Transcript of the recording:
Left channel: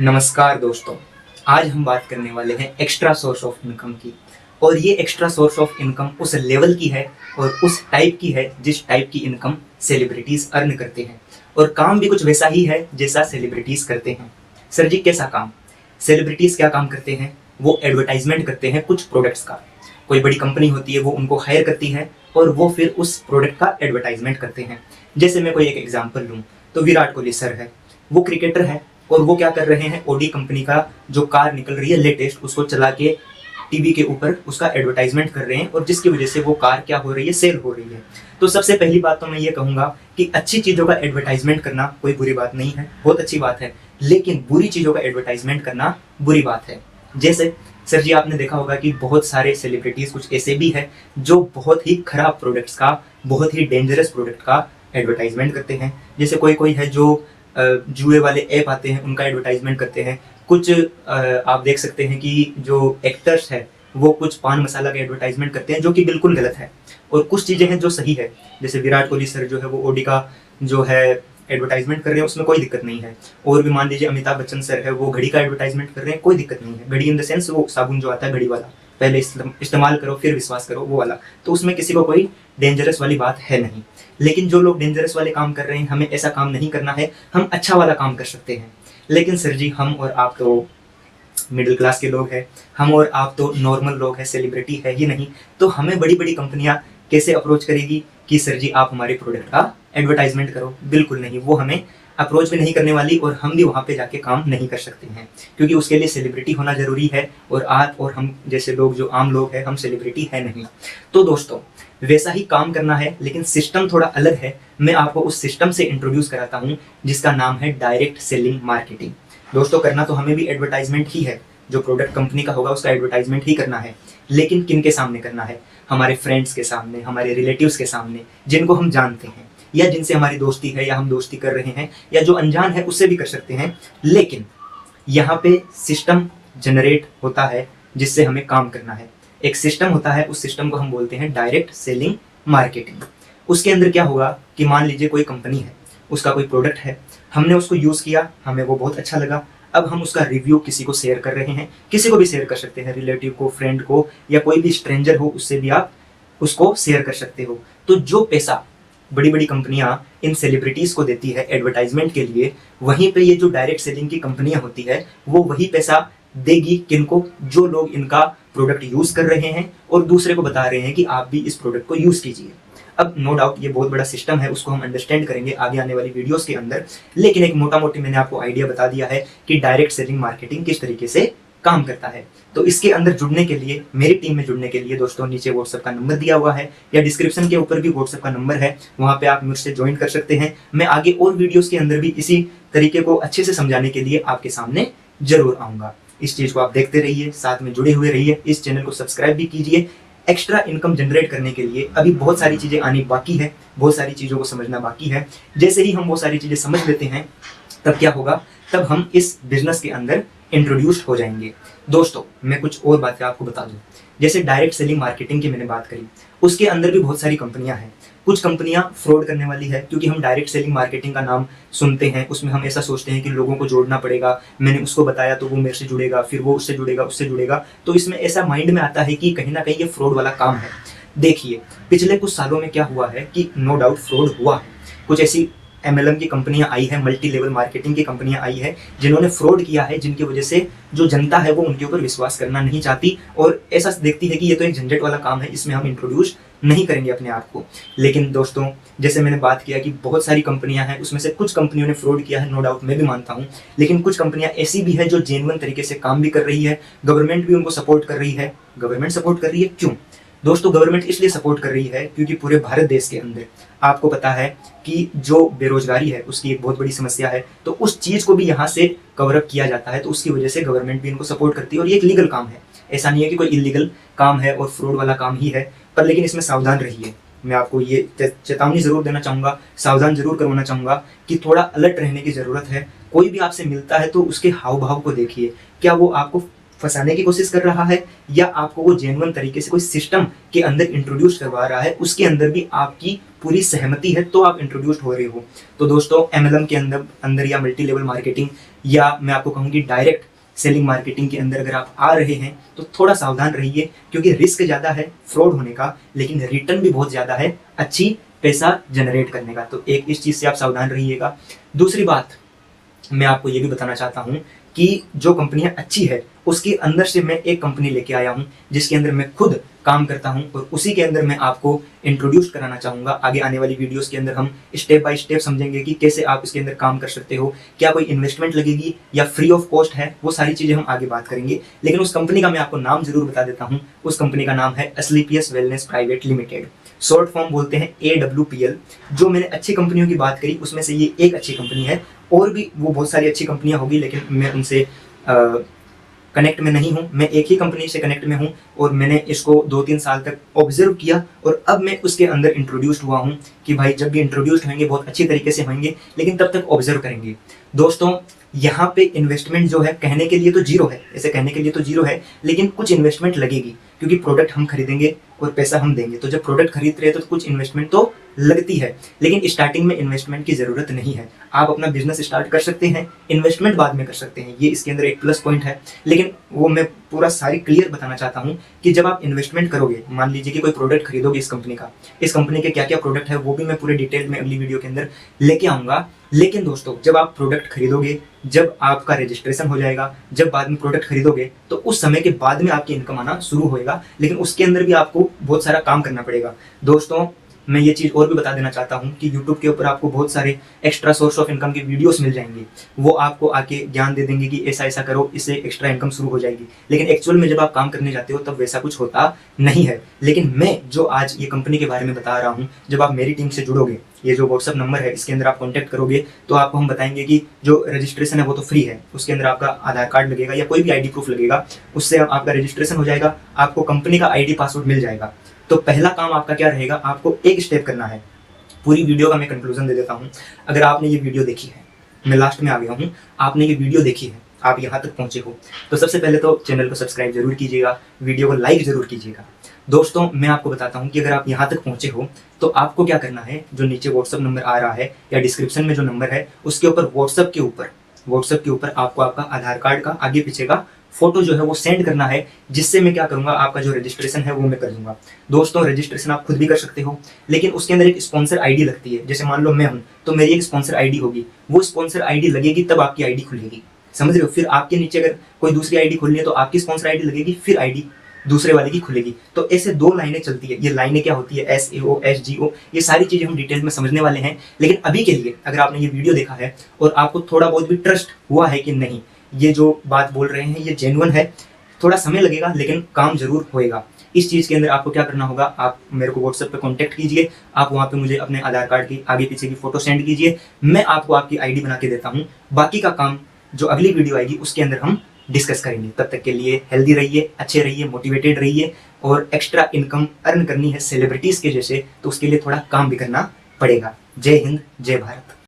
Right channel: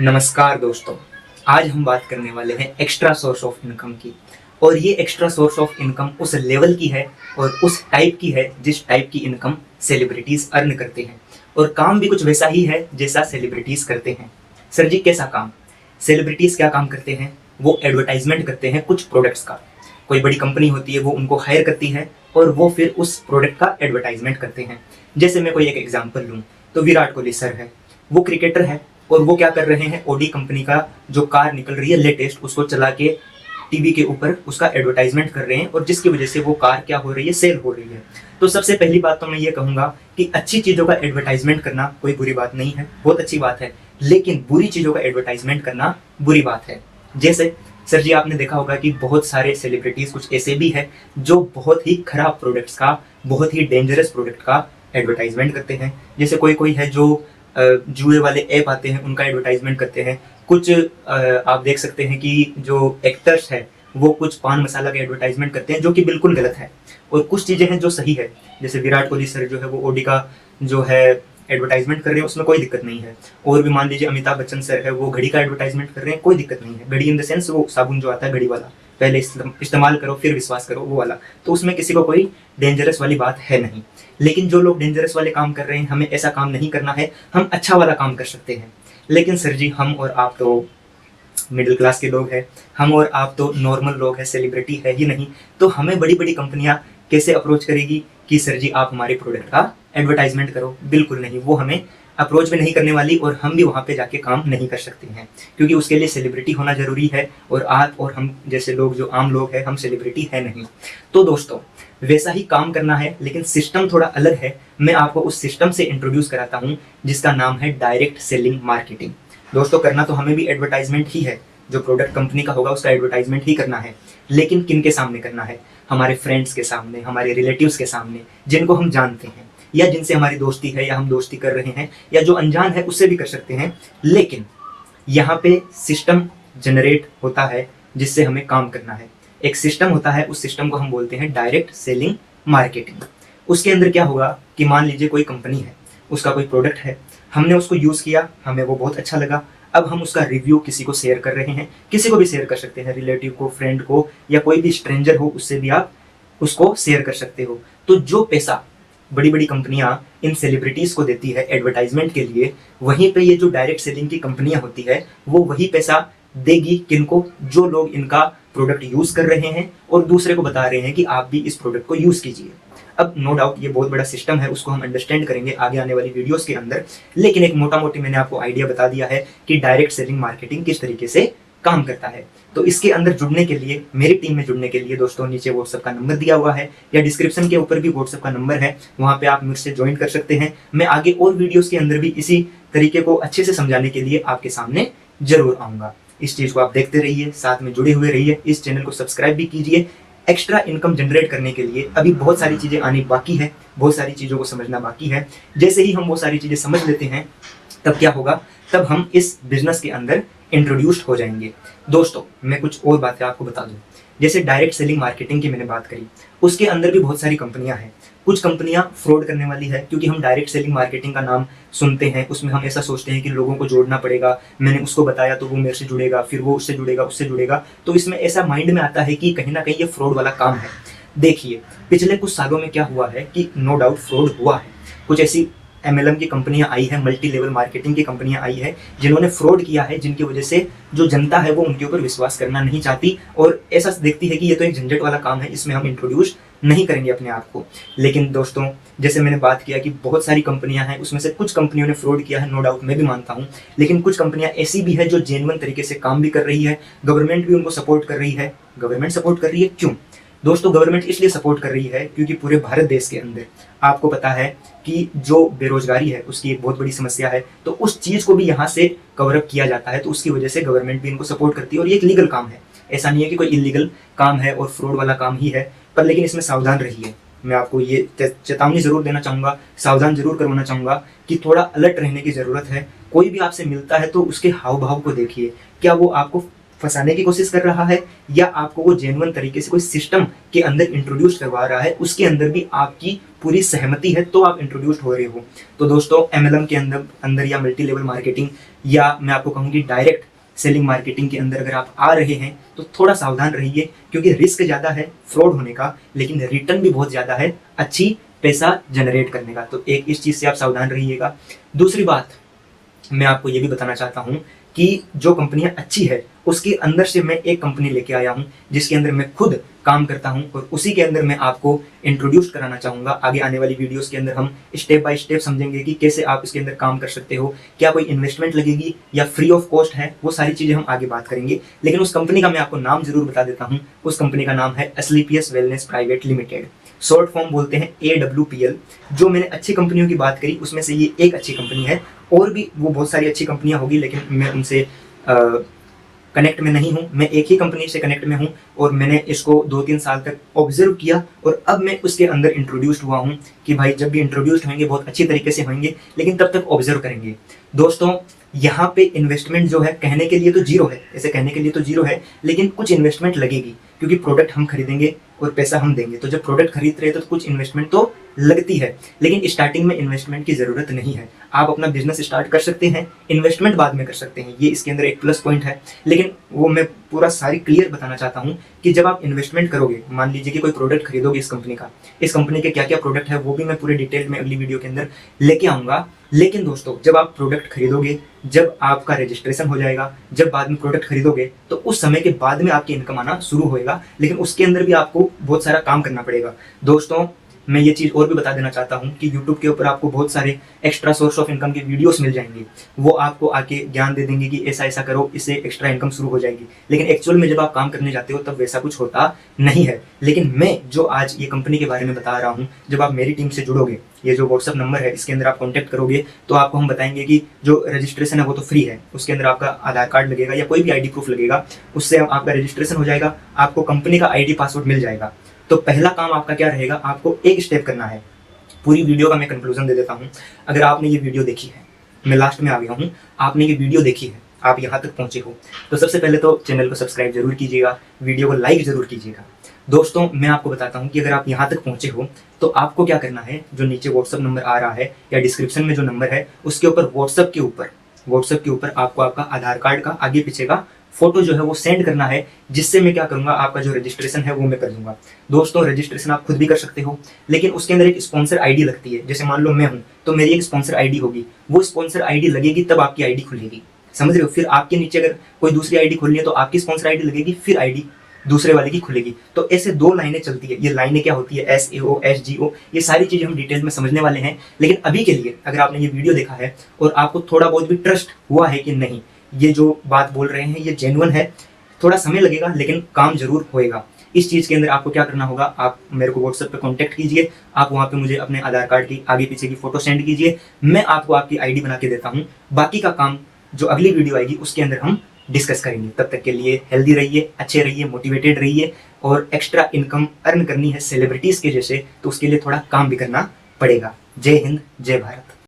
नमस्कार दोस्तों। आज हम बात करने वाले हैं एक्स्ट्रा सोर्स ऑफ इनकम की। और ये एक्स्ट्रा सोर्स ऑफ इनकम उस लेवल की है और उस टाइप की है जिस टाइप की इनकम सेलिब्रिटीज अर्न करते हैं। और काम भी कुछ वैसा ही है जैसा सेलिब्रिटीज करते हैं। सर जी, कैसा काम? सेलिब्रिटीज क्या काम करते हैं? वो एडवर्टाइजमेंट करते हैं कुछ प्रोडक्ट्स का। कोई बड़ी कंपनी होती है, वो उनको हायर करती है और वो फिर उस प्रोडक्ट का एडवर्टाइजमेंट करते हैं। जैसे मैं कोई एक एग्जांपल लूँ तो विराट कोहली सर है, वो क्रिकेटर है और वो क्या कर रहे हैं, ओडी कंपनी का जो कार निकल रही है लेटेस्ट, उसको चला के टीवी के ऊपर उसका एडवर्टाइजमेंट कर रहे हैं और जिसकी वजह से वो कार क्या हो रही है, सेल हो रही है। तो सबसे पहली बात तो मैं ये कहूंगा कि अच्छी चीजों का एडवर्टाइजमेंट करना कोई बुरी बात नहीं है, बहुत अच्छी बात है। लेकिन बुरी चीजों का एडवर्टाइजमेंट करना बुरी बात है। जैसे सर जी, आपने देखा होगा कि बहुत सारे सेलिब्रिटीज कुछ ऐसे भी हैं जो बहुत ही खराब प्रोडक्ट्स का, बहुत ही डेंजरस प्रोडक्ट का एडवर्टाइजमेंट करते हैं। जैसे कोई कोई है जो जुए वाले ऐप आते हैं, उनका एडवर्टाइजमेंट करते हैं। कुछ आप देख सकते हैं कि जो एक्टर्स हैं वो कुछ पान मसाला का एडवर्टाइजमेंट करते हैं, जो कि बिल्कुल गलत है। और कुछ चीज़ें हैं जो सही है, जैसे विराट कोहली सर जो है वो ओडी का जो है एडवर्टाइजमेंट कर रहे हैं, उसमें कोई दिक्कत नहीं है। और भी मान लीजिए अमिताभ बच्चन सर है, वो घड़ी का एडवर्टाइजमेंट कर रहे हैं, कोई दिक्कत नहीं है। घड़ी इन द सेंस वो साबुन जो आता है घड़ी वाला, पहले इस्तेमाल करो फिर विश्वास करो, वो वाला। तो उसमें किसी को कोई डेंजरस वाली बात है नहीं। लेकिन जो लोग डेंजरस वाले काम कर रहे हैं, हमें ऐसा काम नहीं करना है, हम अच्छा वाला काम कर सकते हैं। लेकिन सर जी, हम और आप तो मिडिल क्लास के लोग हैं, हम और आप तो नॉर्मल लोग हैं, सेलिब्रिटी है ही नहीं। तो हमें बड़ी बड़ी कंपनियां कैसे अप्रोच करेगी कि सर जी आप हमारे प्रोडक्ट का एडवर्टाइजमेंट करो? बिल्कुल नहीं, वो हमें अप्रोच भी नहीं करने वाली और हम भी वहाँ पे जाके काम नहीं कर सकते हैं, क्योंकि उसके लिए सेलिब्रिटी होना जरूरी है। और आप और हम जैसे लोग जो आम लोग हैं, हम सेलिब्रिटी है नहीं। तो दोस्तों, वैसा ही काम करना है, लेकिन सिस्टम थोड़ा अलग है। मैं आपको उस सिस्टम से इंट्रोड्यूस कराता हूँ जिसका नाम है डायरेक्ट सेलिंग मार्केटिंग। दोस्तों, करना तो हमें भी एडवर्टाइजमेंट ही है, जो प्रोडक्ट कंपनी का होगा उसका एडवर्टाइजमेंट ही करना है। लेकिन किन के सामने करना है? हमारे फ्रेंड्स के सामने, हमारे रिलेटिव्स के सामने, जिनको हम जानते हैं या जिनसे हमारी दोस्ती है या हम दोस्ती कर रहे हैं, या जो अनजान है उससे भी कर सकते हैं। लेकिन यहाँ पे सिस्टम जनरेट होता है जिससे हमें काम करना है। एक सिस्टम होता है, उस सिस्टम को हम बोलते हैं डायरेक्ट सेलिंग मार्केटिंग। उसके अंदर क्या होगा कि मान लीजिए कोई कंपनी है, उसका कोई प्रोडक्ट है, हमने उसको यूज किया, हमें वो बहुत अच्छा लगा। अब हम उसका रिव्यू किसी को शेयर कर रहे हैं, किसी को भी शेयर कर सकते हैं, रिलेटिव को, फ्रेंड को, या कोई भी स्ट्रेंजर हो, उससे भी आप उसको शेयर कर सकते हो। तो जो पैसा बड़ी बड़ी कंपनियां इन सेलिब्रिटीज को देती है एडवर्टाइजमेंट के लिए, वहीं पे ये जो डायरेक्ट सेलिंग की कंपनियां होती है वो वही पैसा देगी किनको? जो लोग इनका प्रोडक्ट यूज कर रहे हैं और दूसरे को बता रहे हैं कि आप भी इस प्रोडक्ट को यूज कीजिए। अब नो डाउट ये बहुत बड़ा सिस्टम है, उसको हम अंडरस्टैंड करेंगे आगे आने वाली वीडियोस के अंदर। लेकिन एक मोटा मोटी मैंने आपको आइडिया बता दिया है कि डायरेक्ट सेलिंग मार्केटिंग किस तरीके से काम करता है। तो इसके अंदर जुड़ने के लिए, मेरी टीम में जुड़ने के लिए दोस्तों, नीचे व्हाट्सएप का नंबर दिया हुआ है या डिस्क्रिप्शन के ऊपर भी व्हाट्सएप का नंबर है, वहां पे आप मुझसे ज्वाइन कर सकते हैं। मैं आगे और वीडियोस के अंदर भी इसी तरीके को अच्छे से समझाने के लिए आपके सामने जरूर आऊंगा। इस चीज को आप देखते रहिए, साथ में जुड़े हुए रहिए, इस चैनल को सब्सक्राइब भी कीजिए। एक्स्ट्रा इनकम जनरेट करने के लिए अभी बहुत सारी चीजें आनी बाकी है, बहुत सारी चीजों को समझना बाकी है। जैसे ही हम वो सारी चीजें समझ लेते हैं, तब क्या होगा, तब हम इस बिजनेस के अंदर इंट्रोड्यूस्ड हो जाएंगे। दोस्तों, मैं कुछ और बातें आपको बता दूं। जैसे डायरेक्ट सेलिंग मार्केटिंग की मैंने बात करी, उसके अंदर भी बहुत सारी कंपनियां हैं। कुछ कंपनियां फ्रॉड करने वाली है, क्योंकि हम डायरेक्ट सेलिंग मार्केटिंग का नाम सुनते हैं, उसमें हम ऐसा सोचते हैं कि लोगों को जोड़ना पड़ेगा, मैंने उसको बताया तो वो मेरे से जुड़ेगा, फिर वो उससे जुड़ेगा, उससे जुड़ेगा। तो इसमें ऐसा माइंड में आता है कि कहीं ना कहीं ये फ्रॉड वाला काम है। देखिए, पिछले कुछ सालों में क्या हुआ है कि नो डाउट फ्रॉड हुआ है। कुछ ऐसी MLM की कंपनियां आई है, मल्टी लेवल मार्केटिंग की कंपनियां आई है, जिन्होंने फ्रॉड किया है, जिनकी वजह से जो जनता है वो उनके ऊपर विश्वास करना नहीं चाहती और ऐसा देखती है कि ये तो एक झंझट वाला काम है, इसमें हम इंट्रोड्यूस नहीं करेंगे अपने आप को। लेकिन दोस्तों, जैसे मैंने बात किया कि बहुत सारी कंपनियां हैं, उसमें से कुछ कंपनियों ने फ्रॉड किया है, नो डाउट मैं भी मानता हूं। लेकिन कुछ कंपनियां ऐसी भी है जो जेन्युइन तरीके से काम भी कर रही है, गवर्नमेंट भी उनको सपोर्ट कर रही है। गवर्नमेंट सपोर्ट कर रही है क्यों? दोस्तों, गवर्नमेंट इसलिए सपोर्ट कर रही है क्योंकि पूरे भारत देश के अंदर आपको पता है कि जो बेरोजगारी है उसकी एक बहुत बड़ी समस्या है। तो उस चीज को भी यहाँ से कवर अप किया जाता है, तो उसकी वजह से गवर्नमेंट भी इनको सपोर्ट करती है। और ये एक लीगल काम है, ऐसा नहीं है कि कोई इलीगल काम है और फ्रॉड वाला काम ही है। पर लेकिन इसमें सावधान रहिए, मैं आपको ये चेतावनी जरूर देना चाहूंगा, सावधान जरूर करवाना चाहूंगा कि थोड़ा अलर्ट रहने की जरूरत है। कोई भी आपसे मिलता है तो उसके हाव भाव को देखिए, क्या वो आपको फंसाने की कोशिश कर रहा है या आपको वो जेन्युइन तरीके से कोई सिस्टम के अंदर इंट्रोड्यूस करवा रहा है, उसके अंदर भी आपकी पूरी सहमति है तो आप इंट्रोड्यूस हो रहे हो। तो दोस्तों MLM के अंदर या मल्टी लेवल मार्केटिंग या मैं आपको कहूँगी डायरेक्ट सेलिंग मार्केटिंग के अंदर अगर आप आ रहे हैं तो थोड़ा सावधान रहिए, क्योंकि रिस्क ज़्यादा है फ्रॉड होने का, लेकिन रिटर्न भी बहुत ज़्यादा है अच्छी पैसा जनरेट करने का। तो एक इस चीज़ से आप सावधान रहिएगा। दूसरी बात मैं आपको ये भी बताना चाहता हूँ कि जो कंपनियां अच्छी है उसके अंदर से मैं एक कंपनी लेके आया हूँ जिसके अंदर मैं खुद काम करता हूँ, और उसी के अंदर मैं आपको इंट्रोड्यूस कराना चाहूँगा। आगे आने वाली वीडियोस के अंदर हम स्टेप बाय स्टेप समझेंगे कि कैसे आप इसके अंदर काम कर सकते हो, क्या कोई इन्वेस्टमेंट लगेगी या फ्री ऑफ कॉस्ट है, वो सारी चीज़ें हम आगे बात करेंगे। लेकिन उस कंपनी का मैं आपको नाम जरूर बता देता हूँ। उस कंपनी का नाम है Asclepius wellness private limited, short form बोलते हैं AWPL। जो मैंने अच्छी कंपनियों की बात करी उसमें से ये एक अच्छी कंपनी है, और भी वो बहुत सारी अच्छी कंपनियां होगी, लेकिन मैं उनसे कनेक्ट में नहीं हूँ। मैं एक ही कंपनी से कनेक्ट में हूँ और मैंने इसको 2-3 साल तक ऑब्जर्व किया, और अब मैं उसके अंदर इंट्रोड्यूस्ड हुआ हूँ कि भाई जब भी इंट्रोड्यूस्ड होंगे बहुत अच्छी तरीके से होंगे, लेकिन तब तक ऑब्जर्व करेंगे। दोस्तों यहाँ पे इन्वेस्टमेंट जो है कहने के लिए तो जीरो है, ऐसे कहने के लिए तो जीरो है, लेकिन कुछ इन्वेस्टमेंट लगेगी, क्योंकि प्रोडक्ट हम खरीदेंगे और पैसा हम देंगे। तो जब प्रोडक्ट खरीद रहे हैं तो कुछ इन्वेस्टमेंट तो लगती है, लेकिन स्टार्टिंग में इन्वेस्टमेंट की जरूरत नहीं है। आप अपना बिजनेस स्टार्ट कर सकते हैं, इन्वेस्टमेंट बाद में कर सकते हैं, ये इसके अंदर एक प्लस पॉइंट है। लेकिन वो मैं पूरा सारी क्लियर बताना चाहता हूँ कि जब आप इन्वेस्टमेंट करोगे, मान लीजिए कि कोई प्रोडक्ट खरीदोगे इस कंपनी का, इस कंपनी के क्या क्या प्रोडक्ट है वो भी मैं पूरे डिटेल में अगली वीडियो के अंदर लेके आऊंगा। लेकिन दोस्तों जब आप प्रोडक्ट खरीदोगे, जब आपका रजिस्ट्रेशन हो जाएगा, जब बाद में प्रोडक्ट खरीदोगे, तो उस समय के बाद में आपकी इनकम आना शुरू होएगा, लेकिन उसके अंदर भी आपको बहुत सारा काम करना पड़ेगा। दोस्तों मैं ये चीज़ और भी बता देना चाहता हूँ कि YouTube के ऊपर आपको बहुत सारे एक्स्ट्रा सोर्स ऑफ इनकम के वीडियोस मिल जाएंगे, वो आपको आके ज्ञान दे देंगे कि ऐसा ऐसा करो, इससे एक्स्ट्रा इनकम शुरू हो जाएगी। लेकिन एक्चुअल में जब आप काम करने जाते हो तब वैसा कुछ होता नहीं है। लेकिन मैं जो आज ये कंपनी के बारे में बता रहा हूँ, जब आप मेरी टीम से जुड़ोगे, ये जो व्हाट्सअप नंबर है इसके अंदर आप कॉन्टैक्ट करोगे, तो आपको हम बताएंगे कि जो रजिस्ट्रेशन है वो तो फ्री है, उसके अंदर आपका आधार कार्ड लगेगा या कोई भी ID प्रूफ लगेगा, उससे आपका रजिस्ट्रेशन हो जाएगा, आपको कंपनी का ID पासवर्ड मिल जाएगा। तो पहला काम आपका क्या रहेगा, आपको एक स्टेप करना है। पूरी वीडियो का मैं कंक्लूजन दे देता हूँ। अगर आपने ये वीडियो देखी है, मैं लास्ट में आ गया हूँ, आपने ये वीडियो देखी है, आप यहाँ तक पहुँचे हो, तो सबसे पहले तो चैनल को सब्सक्राइब जरूर कीजिएगा, वीडियो को लाइक जरूर कीजिएगा। दोस्तों मैं आपको बताता हूँ कि अगर आप यहाँ तक पहुँचे हो तो आपको क्या करना है, जो नीचे व्हाट्सअप नंबर आ रहा है या डिस्क्रिप्शन में जो नंबर है उसके ऊपर व्हाट्सअप के ऊपर आपको आपका आधार कार्ड का आगे पीछे का फोटो जो है वो सेंड करना है, जिससे मैं क्या करूंगा, आपका जो रजिस्ट्रेशन है वो मैं कर दूंगा। दोस्तों रजिस्ट्रेशन आप खुद भी कर सकते हो, लेकिन उसके अंदर एक स्पॉन्सर ID लगती है। जैसे मान लो मैं हूँ तो मेरी एक स्पॉन्सर ID होगी, वो स्पॉन्सर ID लगेगी तब आपकी ID खुलेगी, समझ रहे हो। फिर आपके नीचे अगर कोई दूसरी ID खोलनी है तो आपकी स्पॉन्सर ID लगेगी, फिर ID दूसरे वाले की खुलेगी। तो ऐसे 2 लाइनें चलती है। ये लाइनें क्या होती है, SAO SGO, ये सारी चीजें हम डिटेल में समझने वाले हैं। लेकिन अभी के लिए अगर आपने ये वीडियो देखा है और आपको थोड़ा बहुत भी ट्रस्ट हुआ है कि नहीं ये जो बात बोल रहे हैं ये जेन्युइन है, थोड़ा समय लगेगा लेकिन काम जरूर होएगा। इस चीज के अंदर आपको क्या करना होगा, आप मेरे को व्हाट्सएप पे कांटेक्ट कीजिए, आप वहां पे मुझे अपने आधार कार्ड की आगे पीछे की फोटो सेंड कीजिए, मैं आपको आपकी ID बना के देता हूँ। बाकी का काम जो अगली वीडियो आएगी उसके अंदर हम डिस्कस करेंगे। तब तक के लिए हेल्दी रहिए, अच्छे रहिए, मोटिवेटेड रहिए, और एक्स्ट्रा इनकम अर्न करनी है सेलिब्रिटीज के जैसे, तो उसके लिए थोड़ा काम भी करना पड़ेगा। जय हिंद, जय भारत।